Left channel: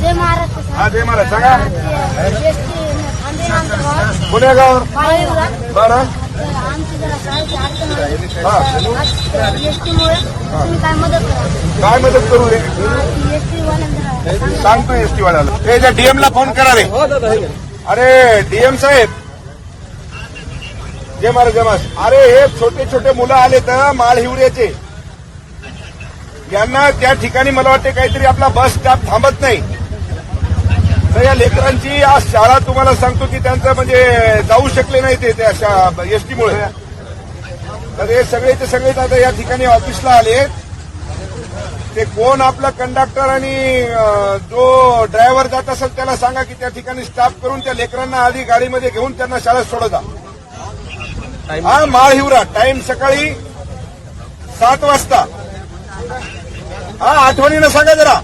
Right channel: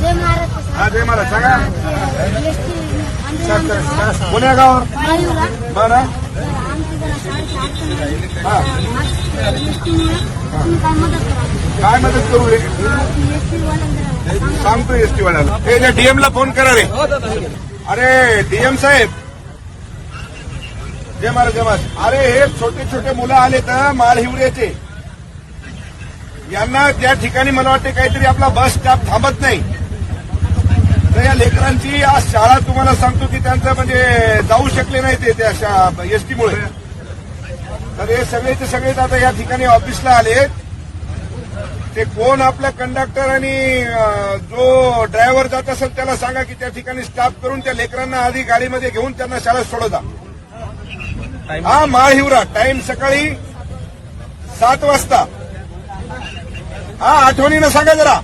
जय Maharashtra sir. हा जय महाराज सांगा. ST आंबे आमचं गाव कोण्या गाव बाळायुरा. बाळा आमची जरा शाळेची अडचण आली. हा एसटीमुळे तुम्ही काय मदत करा. काय मदत करू रे? एसटी वाल्यांना सांगतो एसटी वाल्याला. हे डीएम ला फोन करा रे. अरे डीएम साहेब जय महाराज जय महाराज. अरे हे छोटे छोटे मुलं आले तर माल हिवऱ्याचे यांना त्या ठिकाणी मला वाटते काहीतरी आपला बस स्टॉप थांबत नाही. तर या लेकरांची आज शाळा तुम्हाला सांगतो की त्यांचं म्हणजे जाऊ शकले नाही ते त्या एसटीमुळे. तर हे सगळेचे सगळेच आता या ठिकाणी ऑफिसला आले. ते कोण आपला कंडक्टर आणि जो ड्रायव्हर जात असेल त्याला सांगा की त्या ठिकाणी स्टॉप करून त्या लेकरांना आधी गाडीमध्ये घेऊन त्यांना शाळेत सोडवता. हा माळ हिवरा टाइम सकाळी 7 वाजता. हा आठवणीनं सांगा जरा.